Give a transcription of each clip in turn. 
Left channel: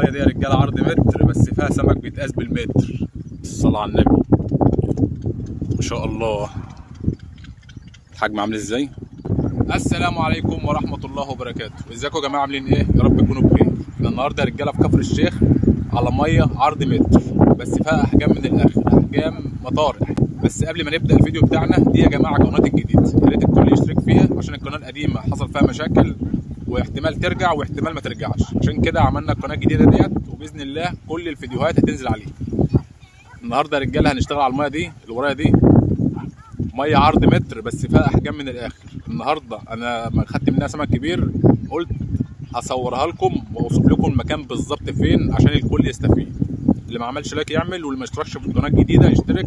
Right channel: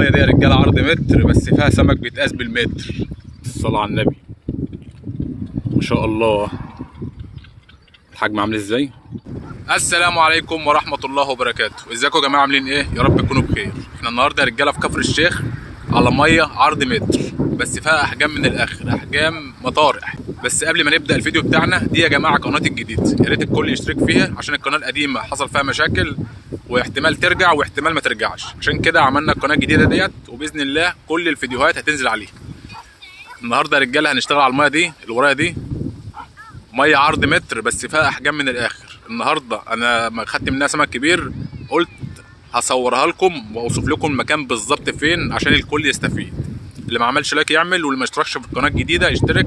المية دي يا رجالة عرض متر بس فيها سمك بيتقاس بالمتر. الصلاة على النبي ما شاء الله. الحجم عامل ازاي؟ السلام عليكم ورحمة الله وبركاته. ازيكم يا جماعة عاملين ايه؟ يا رب تكونوا بخير. احنا النهارده يا رجالة في كفر الشيخ على مية عرض متر بس فيها احجام من الاخر، احجام مطارح. بس قبل ما نبدأ الفيديو بتاعنا دي يا جماعة قناتي الجديدة، يا ريت الكل يشترك فيها عشان القناة القديمة حصل فيها مشاكل واحتمال ترجع واحتمال ما ترجعش، عشان كده عملنا القناة الجديدة ديت وبإذن الله كل الفيديوهات هتنزل عليها. النهارده يا رجالة هنشتغل على المية دي اللي ورايا دي، مية عرض متر بس فيها احجام من الاخر. النهارده انا خدت منها سمك كبير، قلت هصورها لكم واوصف لكم المكان بالظبط فين عشان الكل يستفيد. اللي ما عملش لايك يعمل، واللي ما اشتركش في القناه الجديده يشترك،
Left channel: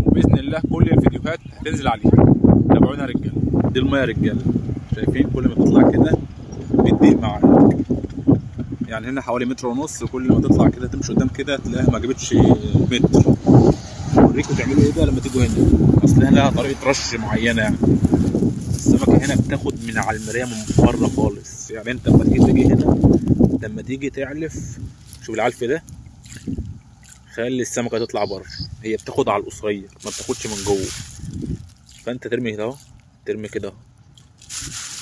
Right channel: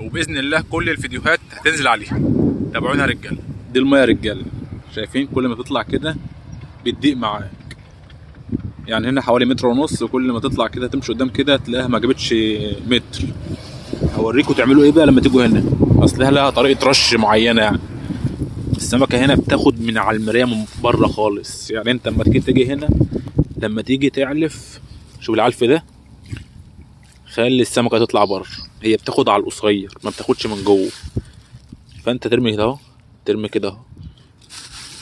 وباذن الله كل الفيديوهات هتنزل عليها. تابعونا يا رجاله. دي المية يا رجاله، شايفين كل ما تطلع كده بتضيق معاك، يعني هنا حوالي متر ونص، وكل ما تطلع كده تمشي قدام كده تلاقيها ما جابتش متر. اوريكم تعملوا ايه بقى لما تيجوا هنا، اصلها لها طريقه رش معينه. يعني السمكه هنا بتاخد من على المرايه من بره خالص، يعني انت لما تيجي هنا لما تيجي تعلف، شوف العلف ده، خلي السمكه تطلع بره، هي بتاخد على القصير ما بتاخدش من جوه. فانت ترمي كده اهو، ترمي كده اهو،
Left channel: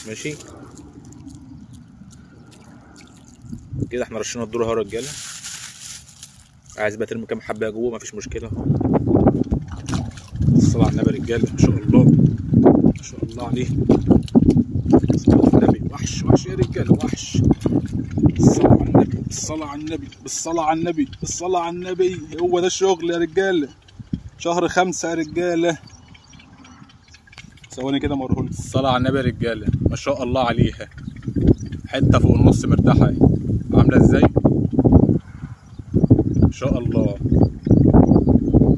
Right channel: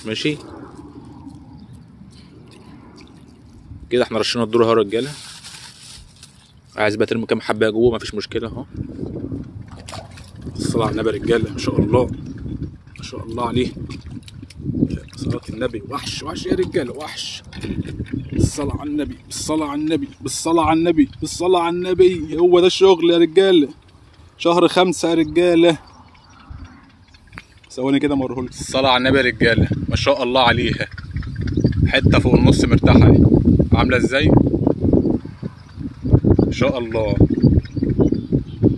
ماشي كده. احنا رشينا الدور اهو يا رجاله، عايز بقى ترمي كام حبه جوه مفيش مشكله اهو. الصلاة على النبي يا رجاله، ما شاء الله ما شاء الله عليه. صلاة النبي، وحش وحش يا رجاله، وحش. الصلاة على النبي، بالصلاة على النبي، بالصلاة على النبي، بالصلاة على النبي. هو ده الشغل يا رجاله، شهر 5 يا رجاله. ثواني كده موريهولكم. الصلاة على النبي يا رجاله، ما شاء الله عليها. حته فوق النص مرتاحه اهي، عامله ازاي؟ ما شاء الله.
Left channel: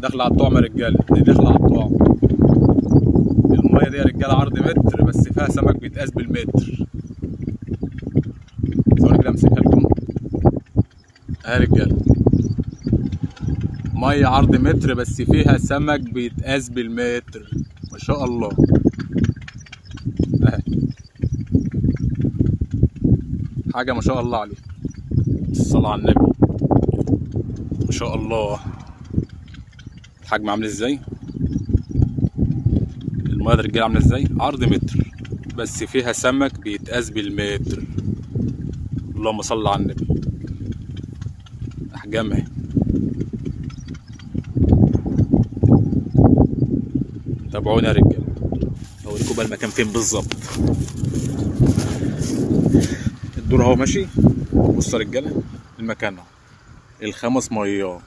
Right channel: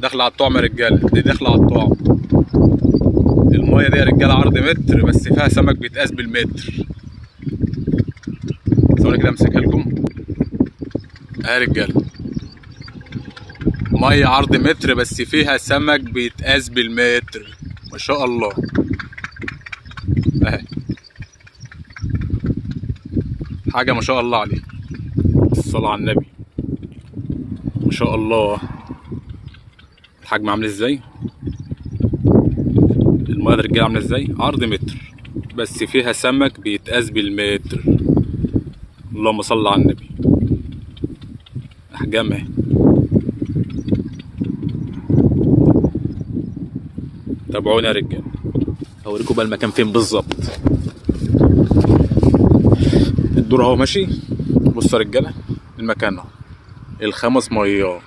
داخله على الطعم يا رجاله، دي داخله على الطعم. المية دي يا رجاله عرض متر بس فيها سمك بيتقاس بالمتر. ثواني كده امسكها لكم اهي يا رجاله، مية عرض متر بس فيها سمك بيتقاس بالمتر، ما شاء الله اهي. حاجه ما شاء الله عليه. الصلاة على النبي، ما شاء الله. الحجم عامل ازاي؟ المية دي رجاله عامله ازاي؟ عرض متر بس فيها سمك بيتقاس بالمتر. اللهم صل على النبي. احجام اهي. تابعوني يا رجاله، هوريكم بقى المكان فين بالظبط. الدور اهو ماشي. بصوا يا رجاله المكان اهو، الخمس ميات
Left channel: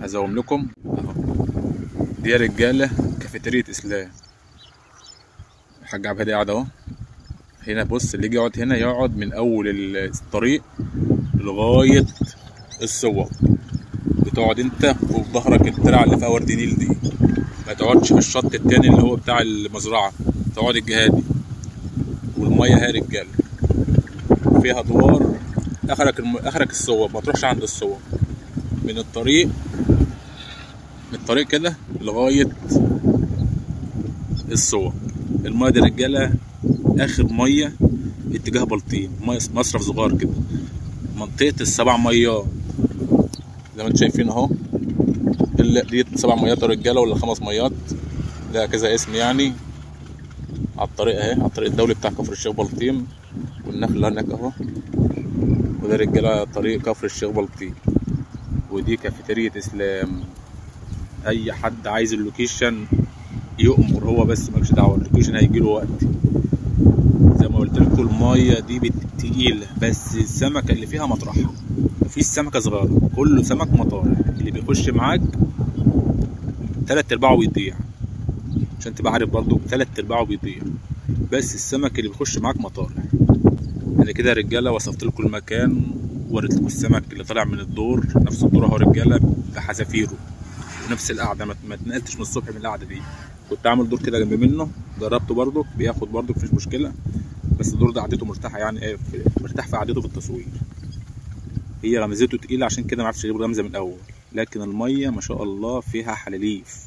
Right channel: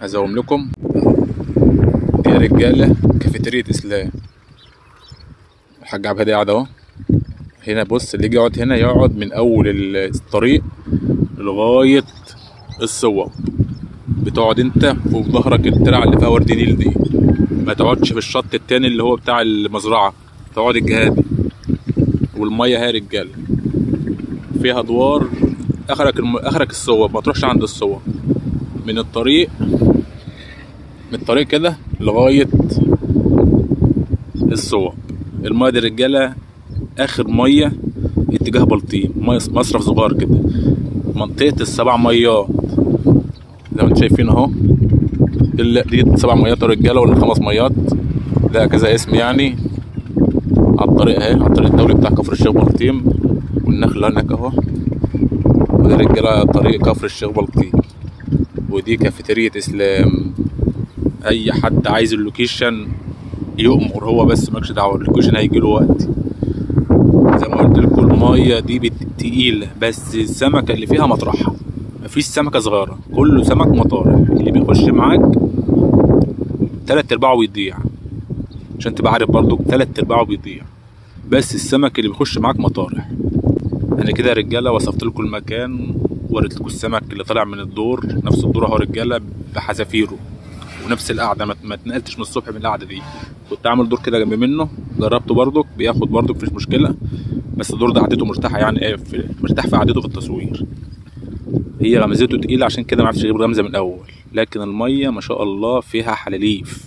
هزوم لكم اهو. دي يا رجاله كافيتيريا اسلام. الحاج عبد الهادي قاعد اهو هنا. بص اللي يجي يقعد هنا يقعد من اول الطريق لغايه الصوب. بتقعد انت وفي ظهرك الترعه اللي فيها ورد نيل دي، ما تقعدش في الشط التاني اللي هو بتاع المزرعه، تقعد الجهه دي. والميه اهي يا رجاله فيها ادوار، اخرك الصوب، ما تروحش عند الصوب. من الطريق كده لغايه الصوب. الميه دي يا رجاله اخر ميه اتجاه بلطيم، مصرف صغير كده، منطقه السبع ميات زي ما انتم شايفين اهو. دي 7 ميات يا رجاله ولا 5 ميات، ده كذا اسم يعني. على الطريق اهي، على الطريق الدولي بتاع كفر الشيخ بلطيم، والنخله هناك اهو. وده رجاله طريق كفر الشيخ بلطيم. ودي كافيتيريا اسلام. اي حد عايز اللوكيشن يؤمر هو، بس مالكش دعوه، اللوكيشن هيجيله وقت. زي ما قلت لكم الميه دي تقيله، بس السمكه اللي فيها مطرحها، مفيش سمكه صغيره، كله سمك مطارح. اللي بيخش معاك 3/4 بيضيع، عشان تبقى عارف برضو 3/4 بيضيع، بس السمك اللي بيخش معاك مطارح. انا كده يا رجاله وصفت لكم المكان، وريت لكم السمك اللي طالع من الدور، نفس الدور اهو رجاله بحذافيره، ونفس القعده، ما اتنقلتش من الصبح من القعده دي. كنت عامل دور كده جنب منه، جربته برضك بياخد برضك مفيش مشكله، بس الدور ده قعدته مرتاحه، يعني ايه مرتاح في قعدته في التصوير. هي غمزته تقيله عشان كده ما عرفتش اجيب غمزه من الاول، لكن الميه ما شاء الله فيها حلاليف،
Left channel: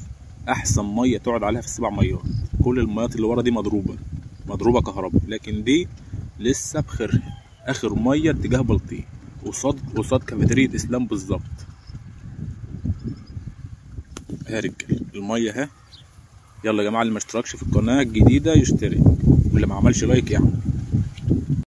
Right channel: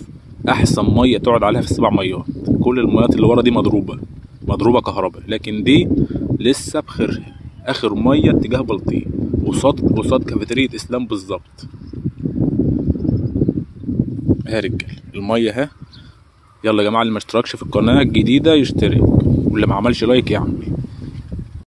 احسن ميه تقعد عليها في ال7 ميات. كل الميات اللي ورا دي مضروبه كهرباء، لكن دي لسه بخيرها، اخر ميه اتجاه بلطيم، قصاد كافيتيريا اسلام بالظبط. يا رجال الميه اهي. يلا يا جماعه اللي ما اشتركش في القناه الجديده يشترك، واللي ما عملش لايك يعمل.